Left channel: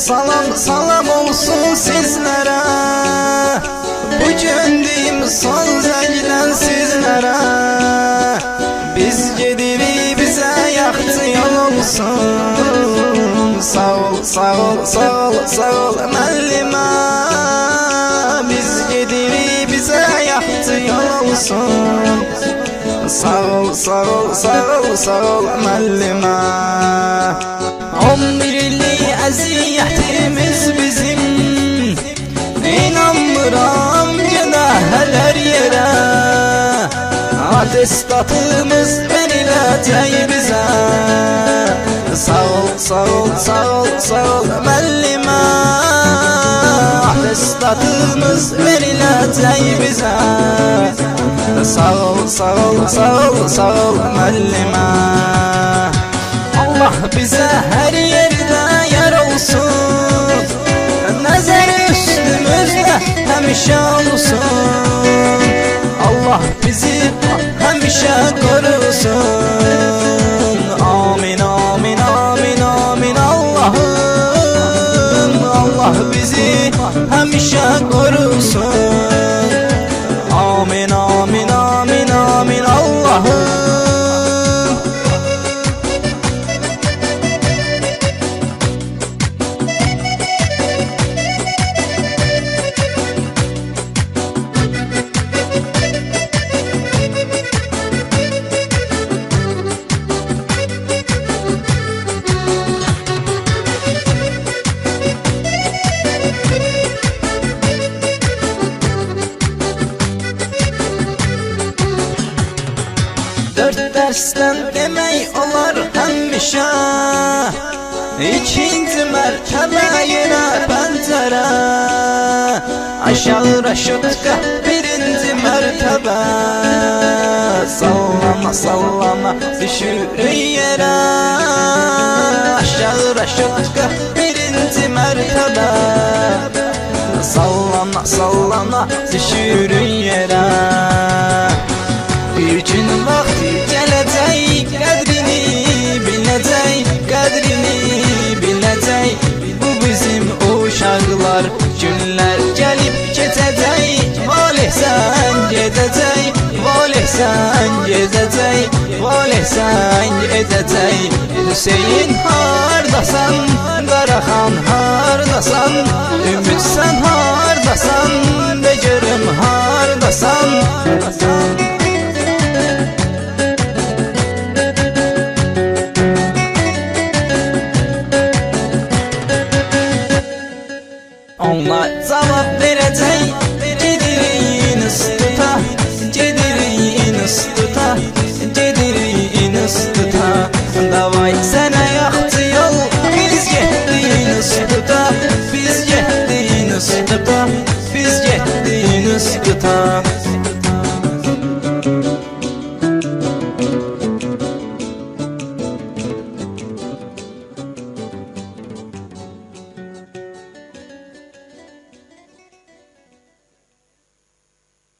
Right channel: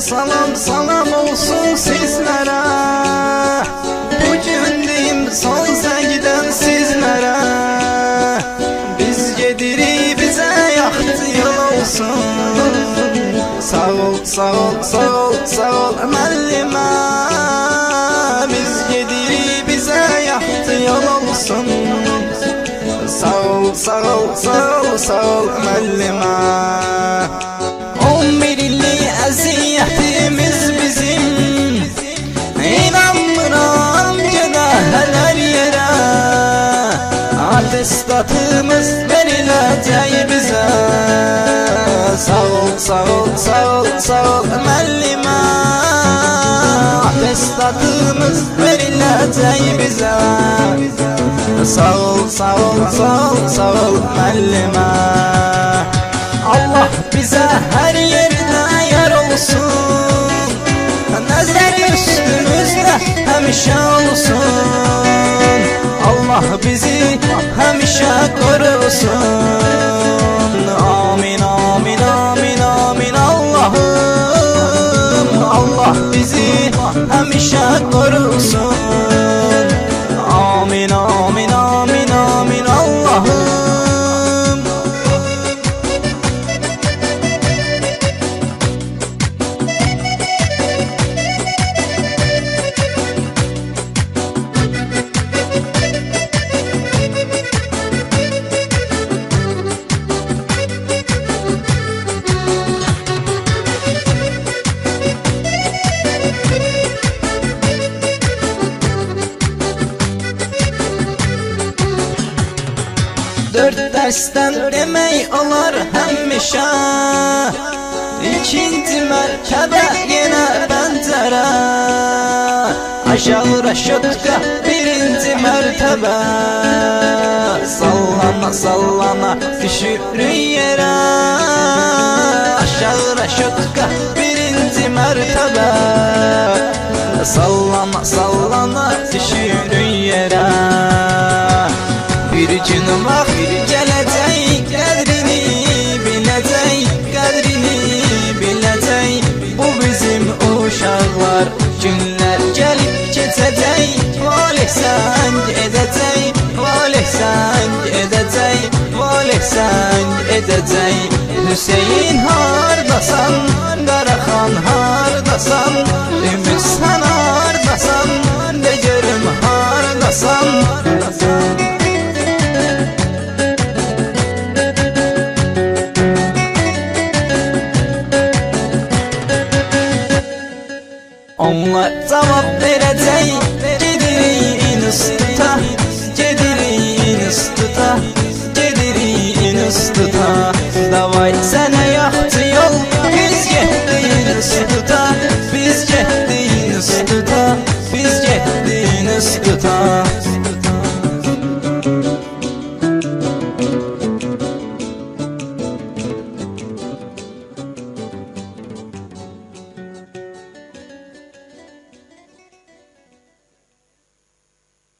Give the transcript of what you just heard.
Salam salam olsun sizlere. Bugün deyim son zəngdən sizlere. Biz gedirik bize yaxşı yol olsun. Sağ ol, sağ ol, sağ ol, sağ ol müəllimə. Biz gedirik bize yaxşı yol olsun. Sağ ol, sağ ol, sağ ol, sağ ol müəllimə. 10 milli əziyyətimiz bizim. İnanmıram bir dəhələr yerə. Atestatımız veriləcək bizə. Sağ ol, sağ ol, sağ ol, sağ ol müəllimə. Atestatımız veriləcək bizə. Sağ ol, sağ ol, sağ ol, sağ ol müəllimə. Allah bizə hər yerdə yer olsun. Nəzər üstümüzdə həmişə olsun. Allah bizi həmişə qorusun. Amin, amin, amin, amin Allahım. Allah bizi həmişə qorusun. Amin, amin, amin, amin Allahım. Dörd dəstən demək olar həmişə. İkinci mərtəbə yenə bəndərə. Aşağı rəşadqa birinci mərtəbə. Sallama, sallama